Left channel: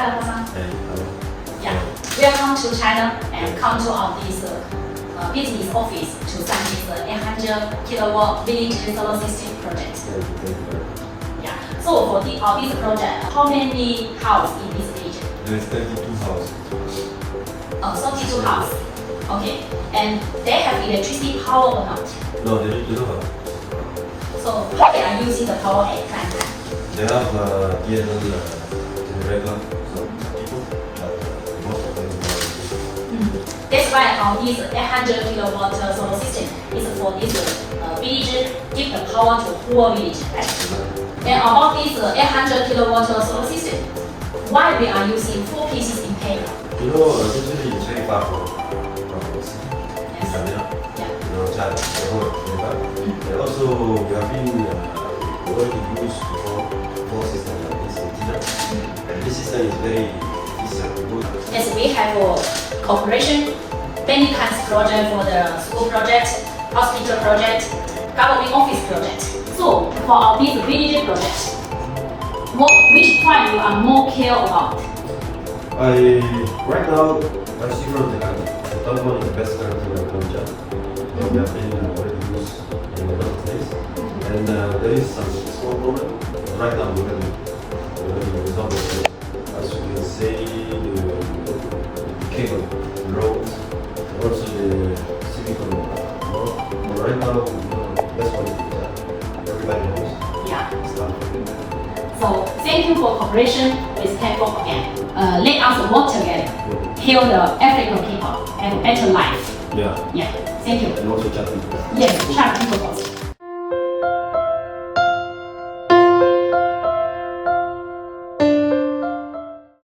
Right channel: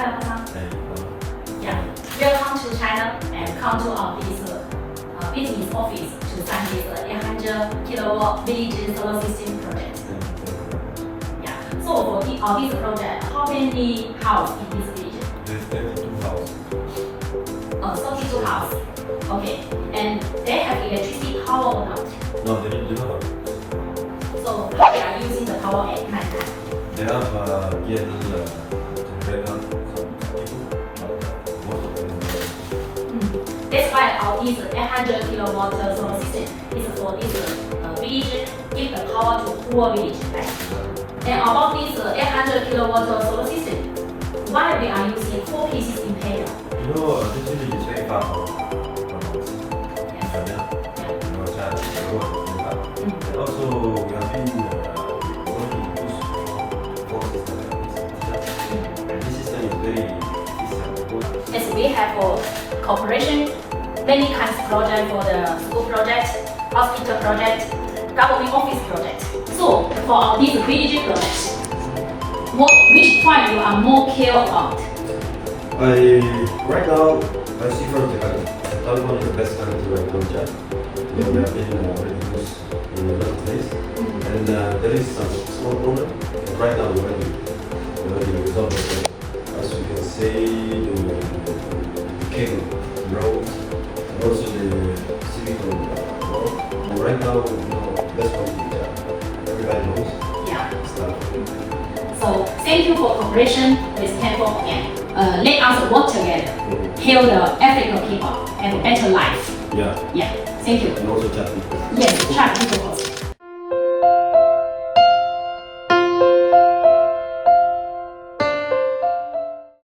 Hello, Hassan. Yeah, welcome to China and come to our business office to sign this 800 kilowatt village solar system project. Yeah. So for this project, how many houses in this region? There's 32 houses. 32 houses. Okay. And they have electricity power or not? No, they don't have. So how they are using the power at night time? They have DNL generator, so people, but most of them That's why our 800 kilowatt solar system is for this village, give the power to whole village, right? And about this 800 kilowatt solar system, why we are using 4 pieces in paper? usually it's very far from Tanzania. China, and also we have been going to use four systems like this and this system is very efficient. As we have a cooperation, many kinds of project for the school project, hospital project, government office project. So for our this village project, which point you are more care about? Right now, I see from Japan, Tanfon is the best country right now in Japan. We have been already used in a lot of places. And there is some small problem. But right now, we already resolved it. As you can see, the cable, the road, and also the silicon road. But right now, the best quality is that everybody knows. Yeah. It's Tanfon. So thank you for cooperation with Tanfon again. Let us work together, help the African people have a better life. Yeah. Yeah. Thank you. And also Japan. Yes, China people.